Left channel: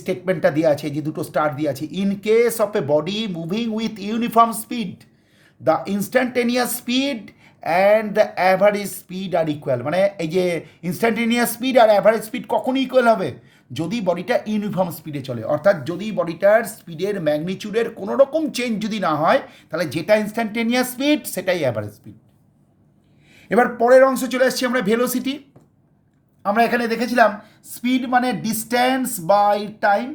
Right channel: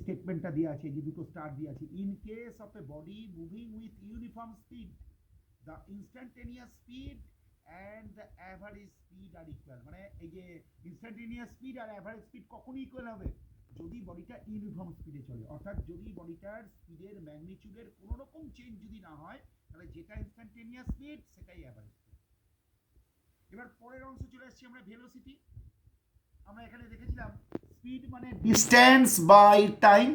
স্টেটমেন্টটা দেওয়া আছে, যে দুটো স্টার দেওয়া আছে, in case of a body moving with uniform speed the instantaneous speed and the average speed are equal. মানে এই যে ইনস্ট্যান্টেনিয়াস স্পিড আর অ্যাভারেজ স্পিড কখন ইকুয়াল হবে? যদি বডিটা ইউনিফর্ম স্পিডে চলে, অর্থাৎ যদি বডিটার স্পিডের ম্যাগনিচিউডের কোনো রকম চেঞ্জ যদি না হয়, তাহলে যেটা ইনস্ট্যান্টেনিয়াস স্পিড সেটাই অ্যাভারেজ স্পিড। এবার পরের অংশ চলে আসছি আমরা, ভেলোসিটি। আমরা এখানে দেখেছিলাম স্পিড মানে ডিস্ট্যান্স বাই টাইম,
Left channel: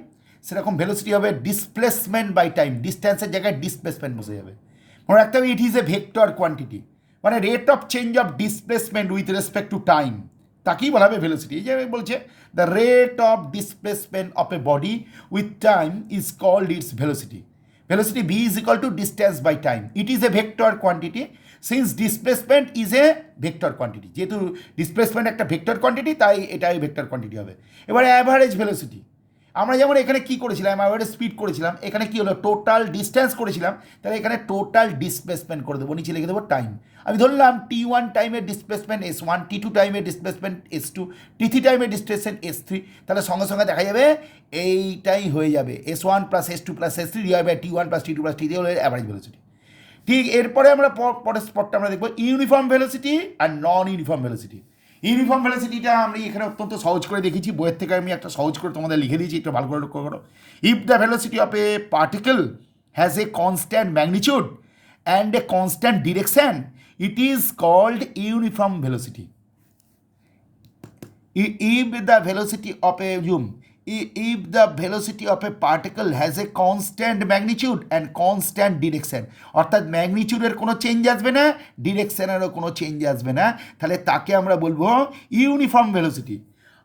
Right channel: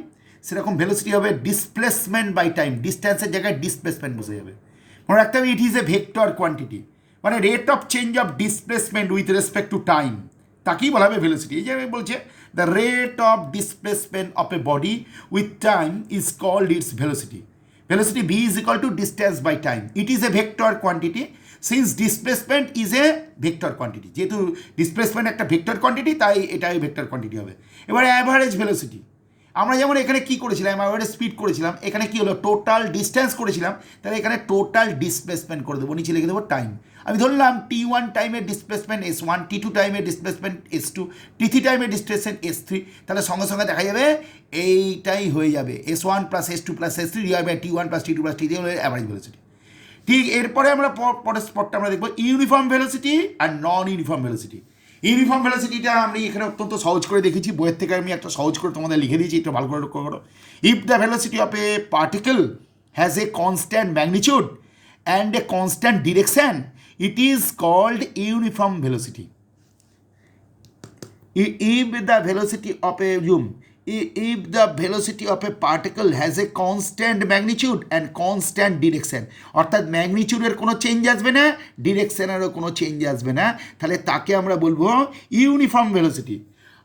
সেরকম ভেলোসিটি হবে ডিসপ্লেসমেন্ট বাই টাইম। ডিস্ট্যান্সের জায়গায় ডিসপ্লেসমেন্ট বসে যাবে। মনে রাখতে হবে it is a vector quantity, মানে rate of change of displacement with respect to time, তাকেই বলা হবে ভেলোসিটি। এই যে বলছে the rate of displacement of a body with time is called its velocity. Velocity V is equal to distance by time. It is a vector quantity since displacement is a vector quantity. যেহেতু displacement একটা vector quantity, তাই এটাই vector quantity হবে। এবার average velocity, আমরা যেমন এখানে কি করেছিলাম, অ্যাভারেজ স্পিড করেছিলাম, এখানে কি হলো টোটাল ডিস্ট্যান্স করেছিলাম, তাহলে এখানে টোটাল ডিসপ্লেসমেন্ট করে দেবো, নিচে লিখে দেবো টাইম। আমি ধরলাম T1 টাইমের ডিসপ্লেসমেন্ট S1, T2 টাইমের ডিসপ্লেসমেন্ট S2, T3 টাইমের ডিসপ্লেসমেন্ট S3, তাহলে সঙ্গে সঙ্গে দেখা যাবে এইটাই হয়ে যাবে S1 plus S2 plus S3 divide by T1 plus T2 plus T3 হলো অ্যাভারেজ ভেলোসিটি। ঠিক এরপরে আমরা পরের স্পটটা আমরা দেখবো ইউনিফর্ম ভেলোসিটি আর নন ইউনিফর্ম ভেলোসিটি। ইউনিফর্ম ভেলোসিটিটা আমি এখানে অত্যন্ত সহজ করে দেখেছি, বইয়ের থেকে আমি একটা সহজ করে তোমাদের লিখে দিয়েছি, একটু ভালো করে লক্ষ্য করো। If the velocity of a particle has a constant magnitude and a constant direction, it is called uniform velocity. If the velocity of a if the velocity of a particle has a constant magnitude and constant direction, অর্থাৎ ম্যাগনিচিউডের কোনো change আসবে না, ডিরেকশনেরও কোনো change আসবে না, তাহলে তাকে আমরা বলবো ইউনিফর্ম ভেলোসিটি।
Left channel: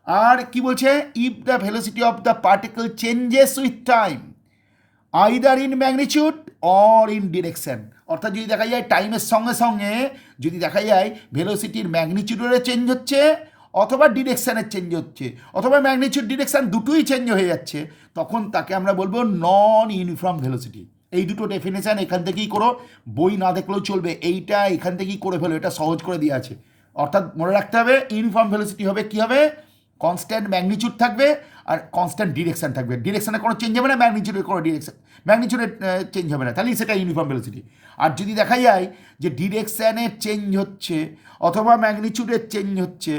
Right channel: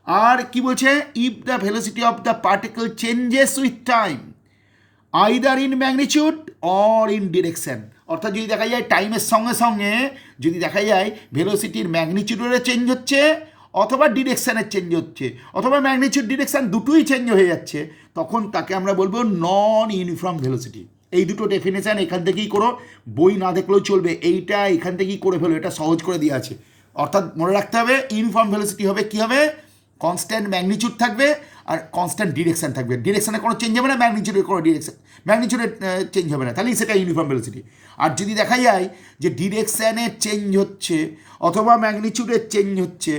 আর কি বলছে, if the velocity of the particle changes with time either in magnitude or in direction, অর্থাৎ যদি দেখা যায় টাইমের সঙ্গে সঙ্গে যদি দেখা যায় ভেলোসিটির ম্যাগনিচিউডেরও চেঞ্জ হচ্ছে, অথবা ডিরেকশানের চেঞ্জ হচ্ছে, অথবা ম্যাগনিচিউড ডিরেকশান দুটোই চেঞ্জ হয়ে যাচ্ছে, তখন তাকে আমরা বলবো নন ইউনিফর্ম ভেলোসিটি। এই দুটো ডেফিনেশান এখান থেকেই করো, বই না দেখলেও চলবে, এইটা এখান থেকেই করে ফেলো, এটা সহজ করে দেওয়া আছে। অর্থাৎ মনে রাখতে হবে ইউনিফর্ম ভেলোসিটি হবে কী হবে, কনস্ট্যান্ট ম্যাগনিচিউড থাকবে আর কনস্ট্যান্ট ডিরেকশান থাকবে, ডিরেকশানে কোনো চেঞ্জ হবে না, ম্যাগনিচিউডের কোনো ম্যাগনিচিউডের চেঞ্জ হবে না, তাহলেই সেটা ইউনিফর্ম ভেলোসিটি। আর যদি দেখা যায় যে ডিরেকশানের চেঞ্জ হচ্ছে, অথবা ম্যাগনিচিউডের চেঞ্জ হচ্ছে,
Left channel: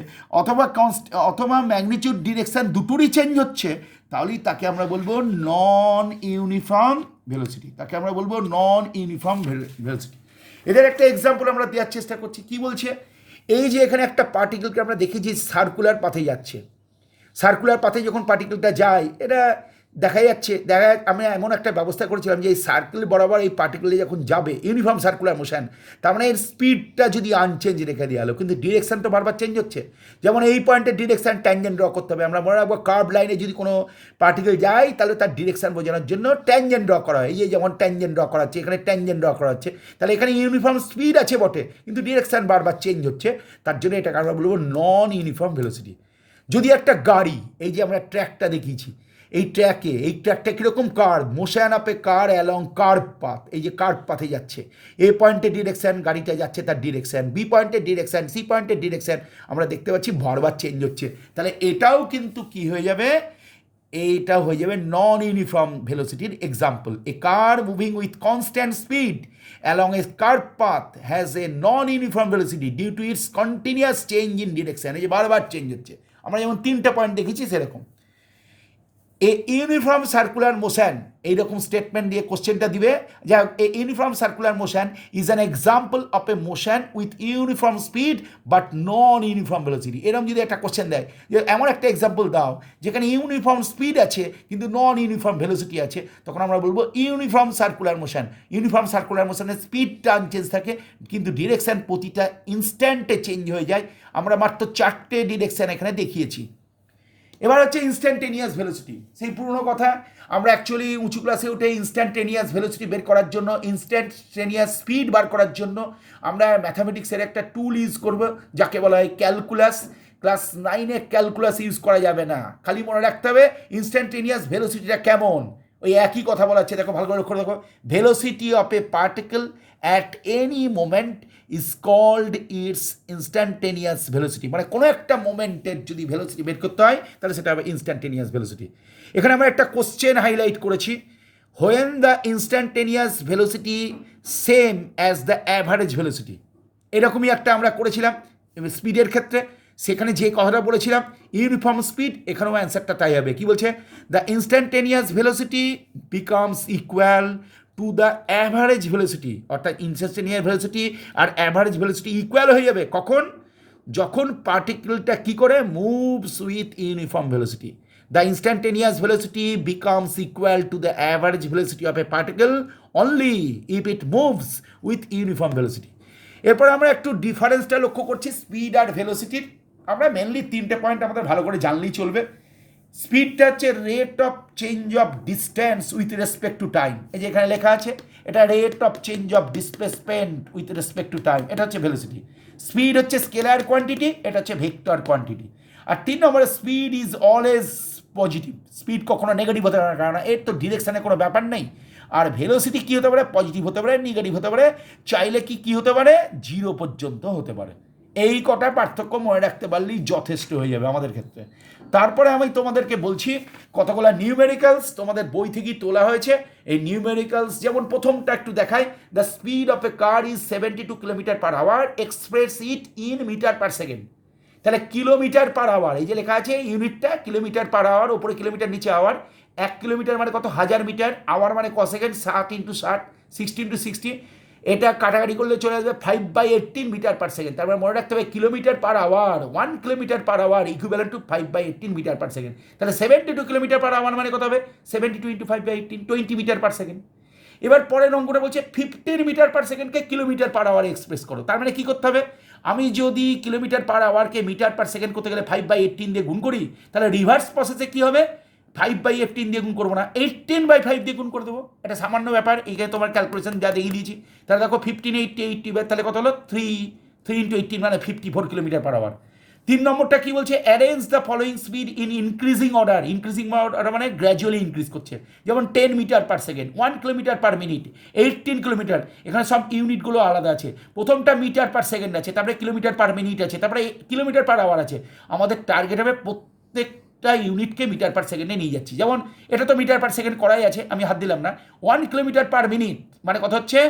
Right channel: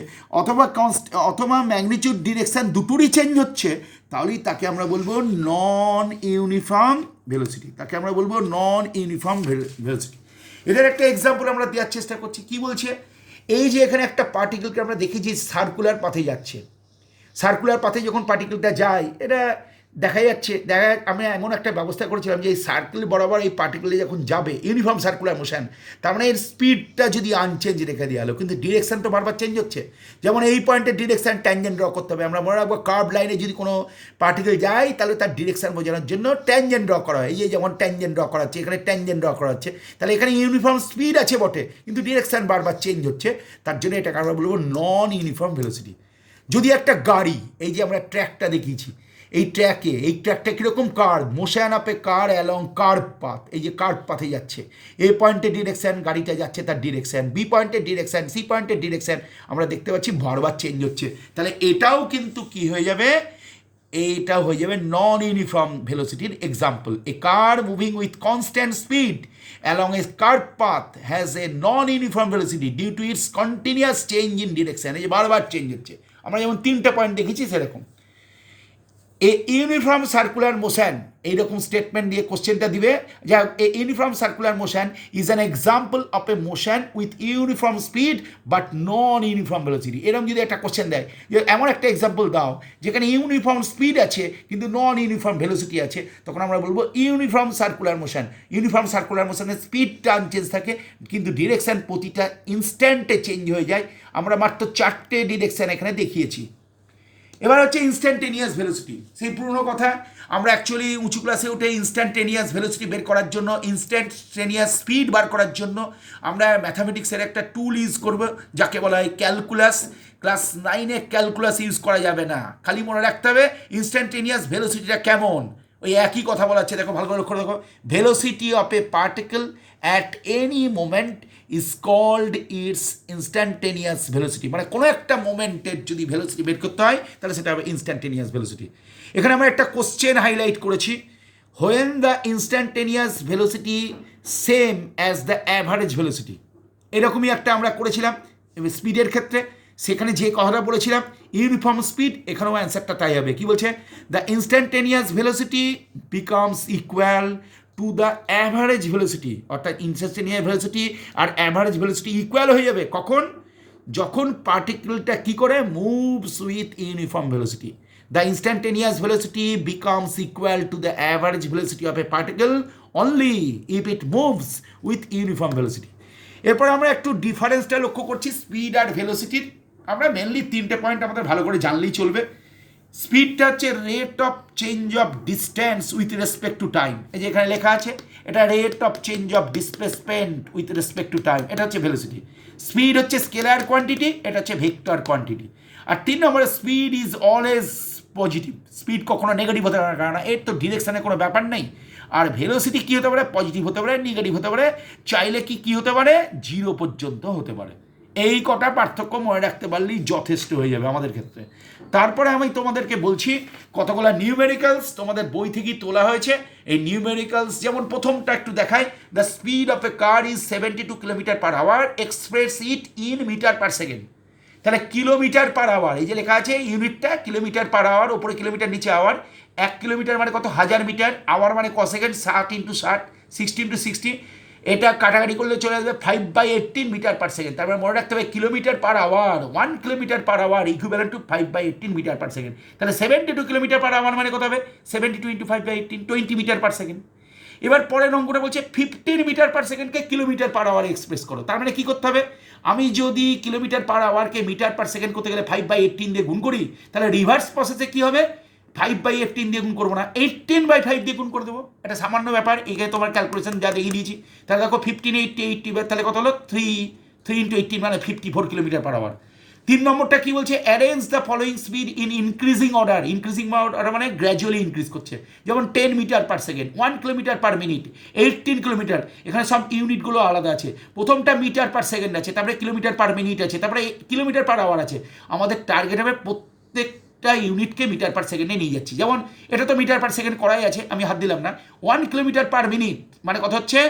অথবা ম্যাগনিচিউড ডিরেকশান দুটোরই চেঞ্জ হচ্ছে, তাহলেই তাকে আমরা বলবো নন ইউনিফর্ম ভেলোসিটি। তাকে আমরা বলবো নন ইউনিফর্ম ভেলোসিটি। এদের একটা এক্সাম্পল আমরা দেওয়ার চেষ্টা করছি। কি বলছে, এই যে এখানে একটা পার্টিকেলকে আমরা দেখেছি সার্কুলার পাথে যাচ্ছে, সার্কুলার পাথে যখন পার্টিকেলটা যায়, এটা দেখা যাচ্ছে, আমি এমন একটা ব্যবস্থা করেছিলাম যে এই সার্কেল বরাবর এই পার্টিকেলে যখন যাবে ইউনিফর্ম সার্কুলার মোশন, তার মানে এর স্পিডটা যদি আনচেঞ্জ রেখে দেওয়া হলো, কিন্তু ডিরেকশন তো বারবার চেঞ্জ হচ্ছে। যেমন এই পয়েন্টের ডিরেকশন ট্যানজেন্ট ড্র করতে হবে, আমরা মনে রাখবো কার্ভ লাইনে যদি কোনো পার্টিকেল যায়, তাহলে তার ডিরেকশন বোঝানোর জন্য ট্যানজেন্ট ড্র করা হয়। এই যে যেমন ট্যানজেন্ট ড্র করা হচ্ছে, এখানে ট্যানজেন্ট ড্র করা হচ্ছে, তাহলে এখানে ইউনিফর্ম স্পিড আছে বটে, কিন্তু ডিরেকশন বারবার চেঞ্জ হচ্ছে, তার জন্য এটাকে আমরা বলবো নন ইউনিফর্ম ভেলোসিটি। যদি একটা গাড়ি, এই যে আমরা ট্র্যাকটা দেখিয়েছি, এই ট্র্যাকটা কীরকম curve, motion of a car along curve path, এই যে কার্ভ পাথে যাচ্ছে, এ পয়েন্টের ডিরেকশান গাড়িটা যাচ্ছে, তার ডিরেকশান, বি পয়েন্টের ডিরেকশান, সি পয়েন্টের ডিরেকশান আমরা দেখতে পাচ্ছি বারবার চেঞ্জ হচ্ছে, তাহলে এটাও কিন্তু কি হয়ে যাবে, এইটাও হয়ে যাবে নন ইউনিফর্ম ভেলোসিটির example. A car moving with constant speed along a curve path has a non uniform velocity due to its continuous change in direction. এই যে বারবার চেঞ্জ হচ্ছে, আমরা যেমন 3টে পয়েন্ট দেখেছি সেরকম। এ ইউনিফর্ম সার্কুলার মোশন, এইরকম স্টেটমেন্ট দিয়ে কোশ্চেনটা দিবে, যা এ uniform circular motion is an example of A motion with uniform speed but non uniform velocity. এরকম যদি একটা কোশ্চেন দেয় যে এমন একটা এক্সাম্পল দাও যেখানে ইউনিফর্ম স্পিড আছে কিন্তু নন ইউনিফর্ম ভেলোসিটি আছে, তখন আমরা বলবো uniform circular motion. Uniform circular মোশনের স্পিডটা আনচেঞ্জ থাকে, কিন্তু ডিরেকশান প্রতিটা ইনস্ট্যান্টে চেঞ্জ হয়ে যায়। আমরা মাত্র 4টে ডিরেকশান এখানে দেখিয়েছি। এবার হচ্ছে ইনস্ট্যান্টেনিয়াস ভেলোসিটি, সেই পুরনো কথা। আমরা অ্যাকচুয়ালি উঁচু ক্লাসে উঠে ইনস্ট্যান্টেনিয়াস ভেলোসিটি বের করার জন্য, ইনস্ট্যান্টেনিয়াস স্পিড বার করার জন্য আমরা ম্যাথামেটিক্সের একটা টুল ইউজ করব, যাকে বলা হয় ক্যালকুলাস। ক্লাস 9-এ ক্যালকুলাস ইউজ করা যাবে না, খালি মনে রাখতে হবে ইনস্ট্যান্টেনিয়াস ভেলোসিটিটা কেমন। ওই একই কথা বলা হচ্ছে, দেখো ভালো করে লক্ষ্য রাখো, velocity of a particle at any moment is called its instantaneous velocity. মানে কোনো একটা মোমেন্টের যদি ভেলোসিটি বের করতে হয়, তাহলে সেটা হবে ইনস্ট্যান্টেনিয়াস ভেলোসিটি। এখানে আমরা একটা কোশ্চেন হাইলাইট করেছি, when the instantaneous velocity same as the average velocity, এরকমই একটা আমরা করেছিলাম স্পিডের ক্ষেত্রে। সেখানে যে কথাটা বলেছিলাম ইউনিফর্ম স্পিড, এখানেও অ্যান্সারটা তাই হবে। কি বলছে? The instantaneous velocity becomes equal to the average velocity, অর্থাৎ ইনস্ট্যান্টেনিয়াস ভেলোসিটি আর অ্যাভারেজ ভেলোসিটি ইকুয়াল হয়ে যাবে কখন? যখন পার্টিকেলটা কী করে moves with uniform velocity. The instantaneous velocity becomes equal to the average velocity of a particle only if it moves with uniform velocity. এরপর আমরা একটু ডিফারেন্সটা লক্ষ্য করছি স্পিড আর ভেলোসিটির। আমরা মেনলি তিনটে পয়েন্ট আমাদের ভালো করে জানলেই চলবে। স্পিডটা হচ্ছে rate of change of distance with respect to time, এই যে এখানে লেখা আছে, এটা rate of change of displacement with respect to time, এটা হচ্ছে ভেলোসিটি। স্পিড হচ্ছে স্কেলার কোয়ান্টিটি, এটা হচ্ছে ভেক্টর কোয়ান্টিটি। আর 3 নম্বরে speed is always positive, speed কখনো নেগেটিভ হতে পারে না, কারণ এর তো ডিরেকশানে কোনো ব্যাপার নেই। আর ভেলোসিটি কী হতে পারে? পজিটিভ হতে পারে, নেগেটিভ হতে পারে, চাইলে কী হতে পারে? 0 পর্যন্ত হতে পারে। এই কটা পার্থক্য মনে রাখতে পারলেই যথেষ্ট হয়ে যাবে আমাদের ক্ষেত্রে। তারপরে আমি তোমাদেরকে বলছি কতগুলো নিউমেরিক্যালস তোমাদের বই থেকেই তোলা হয়েছে। এই নিউমেরিক্যালস যেমন প্রথমটা একটু দেখায়, the speed of a car is 72 kilometre per hour, express it in metre per second. তাহলে কিলোমিটার পার আওয়ার, এই যে লেখা আছে ইউনিটটা কিলোমিটার পার আওয়ার, ওপরে কিলোমিটার নিচে আওয়ার। 1 কিলোমিটার মানে কত? 1000 মিটার। আওয়ার মানে ক সেকেন্ড? 60 × 60, 60 × 60। এটা কাটাকাটি করলে চলে আসবে 5/18 মিটার পার সেকেন্ড। তারপরে মনে রাখতে হবে kilometre per hour, 1 kilometre per hour equivalent to 5/18 metre per second. তাহলে 72 কিলোমিটার পার আওয়ার মানে কত হবে? 72 × 5/18, 20 মিটার পার সেকেন্ড। এবার পরের অঙ্কটা বলছে 15 মিটার পার সেকেন্ডকে কিলোমিটার পার আওয়ার এক্সপ্রেস করো। তার মানে কী করতে হবে? আমি যদি কিলোমিটার পার আওয়ারকে মিটার পার সেকেন্ড করতে গেলে 5/18 দিয়ে গুণ করি, তাহলে রিভার্স প্রসেসে কী হবে? 5/18 দিয়ে গুণ করবো না, 18/5 দিয়ে গুণ করে দেবো। এটা সামান্য ব্যাপার, এখানে তোমার ক্যালকুলেশন যা দেখিয়ে দিয়েছি। তাহলে দেখো 15 80 80, তাহলে কত হলো? 3 × 18 মানে 54 কিলোমিটার পার আওয়ার। 3 নম্বরটা কি বলছে? Arrange the following speed in increasing order. Increasing order মানে গ্র্যাজুয়ালি ইনক্রিজ করছে। যেমন 10 metre per second, 1 kilometre per minute, 18 kilometre. এখানে সব ইউনিটগুলো আলাদা আছে। প্রথমটা মিটার পার সেকেন্ড আছে, তারপরে কিলোমিটার পার মিনিট আছে, তারপরে কিলোমিটার পার আওয়ার আছে। আমাদের টার্গেট হবে প্রত্যেকটা ইউনিটকে মিটার পার সেকেন্ডে নিয়ে যাচ্ছি। যেমন এটা তো মিটার পার সেকেন্ড করাই আছে, আমি হাত দিলাম না। 1 কিলোমিটার পার মিনিট মানে কত হচ্ছে?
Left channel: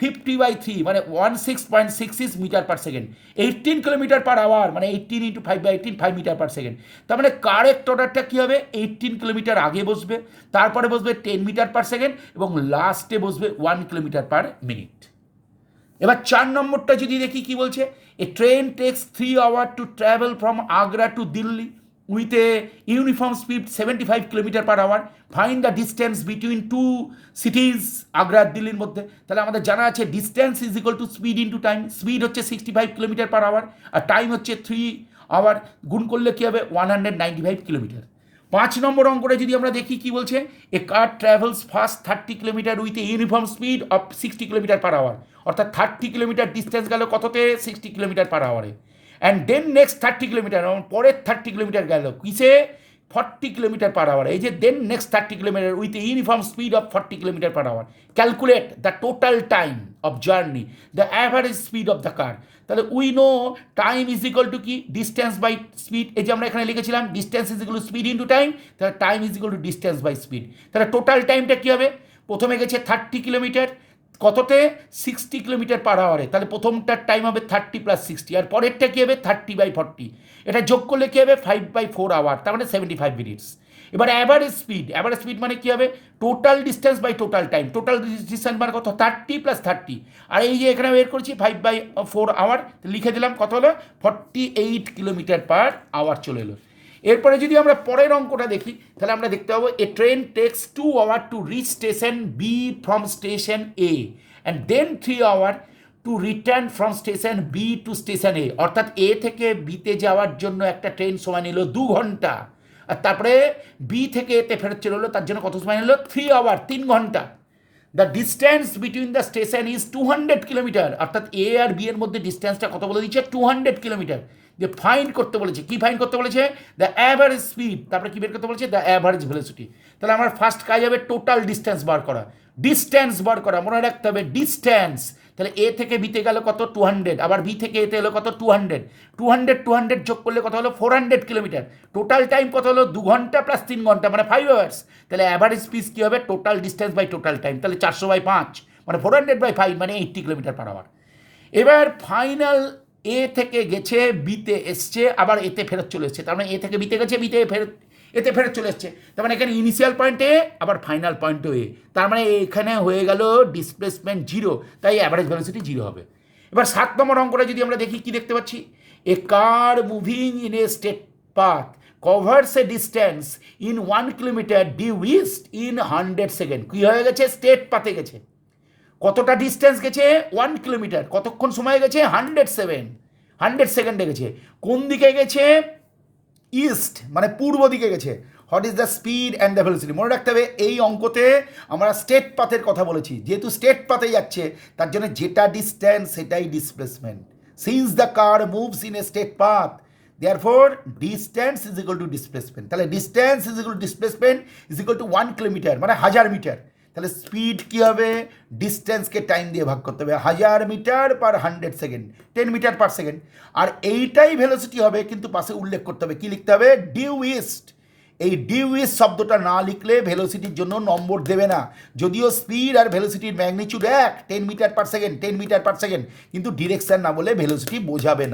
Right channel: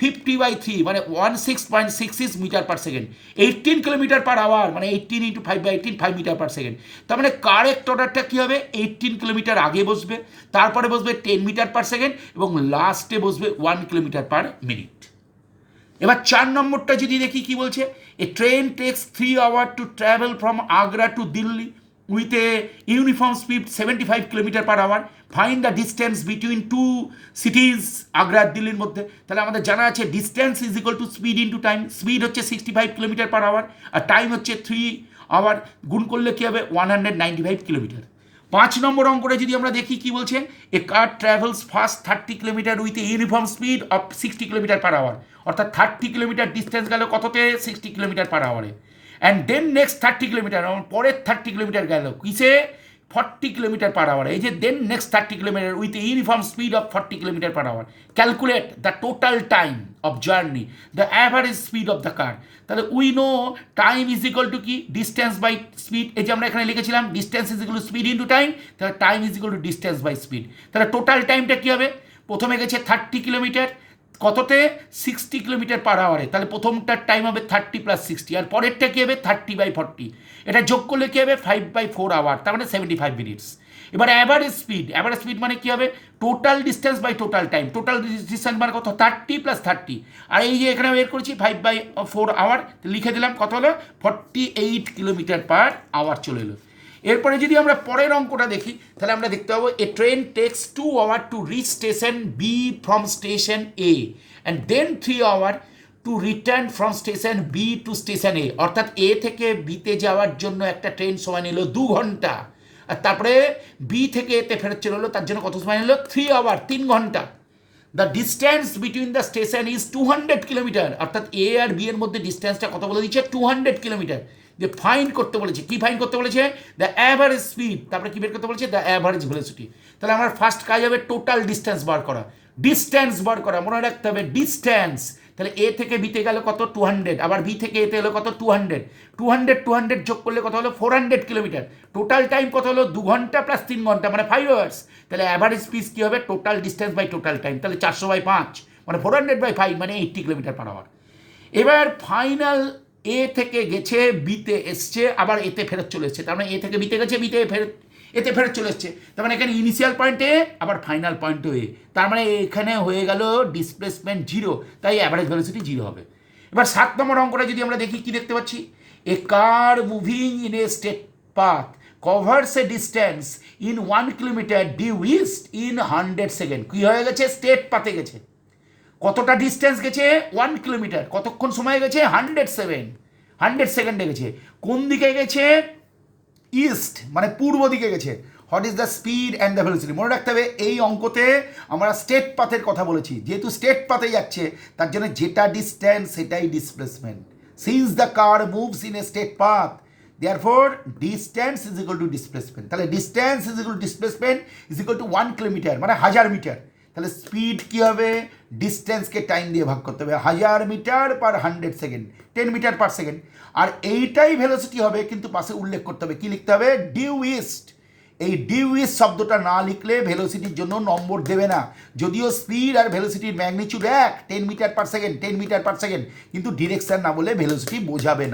50/3 মানে 16.66 metre per second. 18 kilometre per hour মানে 18 × 5/18, 5 মিটার পার সেকেন্ড। তার মানে কারেক্ট অর্ডারটা কী হবে? 18 কিলোমিটার আগে বসবে, তারপরে বসবে 10 মিটার পার সেকেন্ড, এবং লাস্টে বসবে 1 কিলোমিটার পার মিনিট। এবার 4 নম্বরটা যদি দেখি কি বলছে, a train takes 3 hour to travel from Agra to Delhi with a uniform speed 75 kilometre per hour, find the distance between two cities, Agra আর দিল্লির মধ্যে। তাহলে আমাদের জানা আছে distance is equal to speed into time. Speed হচ্ছে 65 কিলোমিটার পার আওয়ার আর time হচ্ছে 3 আওয়ার, গুণ করলে কী হবে? 195 কিলোমিটার। 5 নম্বর অঙ্কটা যদি আমরা দেখি কি বলছে, a car travels first 30 kilometre with a uniform speed of 60 kilometre per hour, অর্থাৎ 30 কিলোমিটার ডিস্টেন্স গেল কততে? 60 কিলোমিটার পার আওয়ারে। অ্যান্ড দেন নেক্সট 30 কিলোমিটার, পরের 30 কিলোমিটার গেল কিসে? 40 কিলোমিটার পার আওয়ার। এই যে then next 30 kilometre with uniform speed of 40 kilometre per hour. Calculate the total time of journey, the average speed of the car. তাহলে we know time is equal to কি? Distance by speed. এই যে আমরা এখানে লিখেছিলাম distance is equal to speed into time, তাহলে time is equal to distance by speed. তাহলে total টাইমটা কী হবে? প্রথমে গেছে 30 কিলোমিটার, কততে? 60 কিলোমিটার পার আওয়ারে। তাহলে প্রথমটার টাইম হবে 30 + 60, আর পরেরটা কী হবে? 30/40। এটা যোগ করলে কী হবে? 5/4 আওয়ার, তার মানে 75 মিনিটস। এবার অ্যাভারেজ স্পিড, অ্যাভারেজ স্পিড মানে কী হবে? Total distance by total time. Total distance মানে কত? 30 + 30, আর এই যে এখানে বের করছি 5/4 আওয়ার, লিখে দিলাম কত হলো? 48 কিলোমিটার পার আওয়ার চলে এলো। এরপরে যদি আমরা পরের অঙ্কটা দেখি, তাহলে আমরা দেখতে পাবো a train takes 2 hour to reach station B from station A and then 3 hour to return from station B to station A. অর্থাৎ এ থেকে বিতে যাওয়ার জন্য একটা ট্রেন সময় নিল 2 ঘন্টা, আর তারপরে বি থেকে এতে ফেরত চলে এলো, তার জন্য কত সময় নিল? 3 আওয়ার, 3 ঘন্টা। The distance between the station is 200 kilometre, অর্থাৎ এ আর বি এর মধ্যে ডিস্টেন্সটা কত বলে দিচ্ছে? 200 কিলোমিটার। যে ফাইন্ড করতে বলেছে, কি ফাইন্ড করতে বলেছে? দ্য অ্যাভারেজ স্পিড, তারপরে কি বের করতে বলেছে? The average velocity. তাহলে আমার ফার্স্ট কাজ হবে টোটাল ডিস্টেন্স বার করা, ডিস্টেন্স বার করা, মনে রাখতে হবে ডিস্টেন্স। তাহলে এ থেকে বিতে গেল কত 200, আবার বি থেকে এতে হলো কত 200 যোগ করলে কত হলো 400 কিলোমিটার। টোটাল টাইম কত হলো 2 ঘন্টা প্লাস 3 ঘন্টা মানে 5 আওয়ার্স। তাহলে অ্যাভারেজ স্পিড কী হবে total distance by total time, তাহলে 400/5 মানে 400/5 মানে 80 কিলোমিটার পার আওয়ার। এবার ফাইনাল এ থেকে গেছে বিতে এসছে, আবার এতে ফেরত চলে এসছে, তার মানে এ থেকে বিতে গেছে, বিতে এতে ফেরত চলে এসছে, তার মানে এখানে ইনিশিয়াল পয়েন্টে আবার ফাইনাল পয়েন্টও এ, তার মানে এখানে হয়ে গেল ডিসপ্লেসমেন্ট 0, তাই অ্যাভারেজ ভেলোসিটি 0 হবে। এবার 7 নম্বর অঙ্কটা যদি আমরা দেখি কি দেখতে পাচ্ছি, a car moving in a straight path covers a distance in 1 kilometre due east in 100 second. কী হয়ে গেছে স্টেট পাথে গেছে, কতটা ডিস্টেন্স গেছে 1 কিলোমিটার, কতক্ষণ সময় গেছে 100 সেকেন্ডে গেছে। কোন দিকে গেছে ইস্ট মানে পূর্ব দিকে গেছে। What is the speed and the velocity. মনে রাখতে হবে এই অঙ্কতে আমরা স্টেট পাথের কথা বলেছি, যেহেতু স্টেট পাথে যাচ্ছে তার জন্য যেটা ডিস্টেন্স সেটাই displacement. Since the car moves in a straight path therefore distance is equal to displacement, তাহলে distance is equal to displacement is equal to 1 kilometre মানে 1000 মিটার। তাহলে স্পিড কী হবে ডিস্টেন্সকে টাইম দিয়ে ভাগ করতে হবে, 1000 metre per 100 second 10 metre per second. আর এইটাই ভেলোসিটি হবে, কিন্তু পাশে উল্লেখ করতে হবে, কি লিখতে হবে ডিউ ইস্ট। এই ডিউ ইস্ট শব্দটা না লিখলে ভেলোসিটির জন্য নম্বর দেবে না, যদিও স্পিড আর ভেলোসিটির magnitude 10 metre per second 10 metre per second, কিন্তু ডিরেকশন না বলে ভেলোসিটি বোঝাবে না।